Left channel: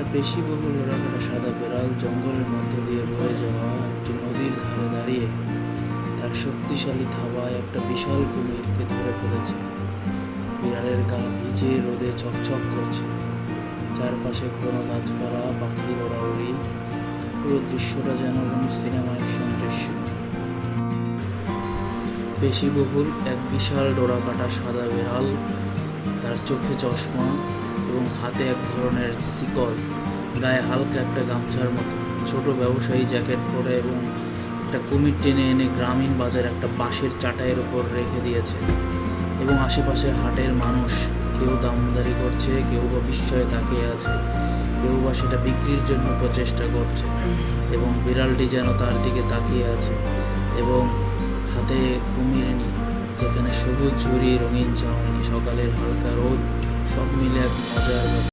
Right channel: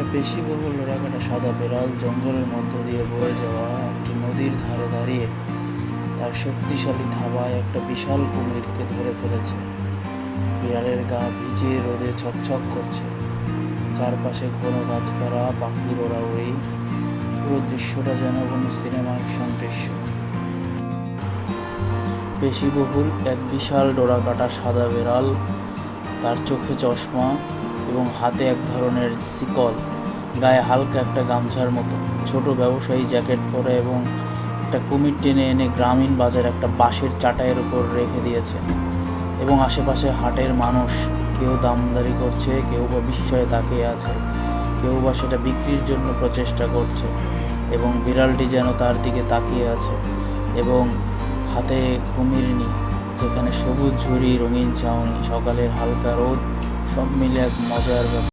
একটা পেশিবহুল ডোরাকাটা সাদা বেড়াল জঙ্গলের মধ্য দিয়ে বয়ে যাওয়া একটি নদীর ধারে দাঁড়িয়ে তার শক্তিশালী থাবায় একটা বিশাল কুমিরকে ধরে ফেলেছে। বিড়ালের গা ভিজে রোদে ছকছক করছে, চারপাশে ঘন গাছপালা, পাখির ওড়াউড়ি। পুরো দৃশ্যটা যেন কোনো সিনেমা অ্যাকশন দৃশ্য। পেশিবহুল এক বিশাল ডোরাকাটা সাদা বেড়াল, তার চোখে চশমা এবং হাতে এক ধরনের শিকল, গায়ে হালকা একটা গামছার মতো, ছোট ব্যবসায়ী জ্যাকেট পরে এবং একটা কুমির টেনে এনে গ্রামীণ বাজার একটা বাঁশের চাটাইয়ের উপর রেখে দিয়েছে। এবং আশেপাশে হাটের মানুষ, কেউ দামদারি করছে, কেউ বা বিস্ময়ে তাকিয়ে আছে, কেউ বা সেটা বিক্রির জন্য প্রচেষ্টা করছে। এবং বিড়ালটি যেন তার দিকে তাকিয়ে আছে এবং হাতে কুমির নিয়ে, যেখানে সবুজ ঝুড়ি, রঙিন ছাউনি, সকালের হালকা রোদ, সব মিলে এক মজার ব্যাপার।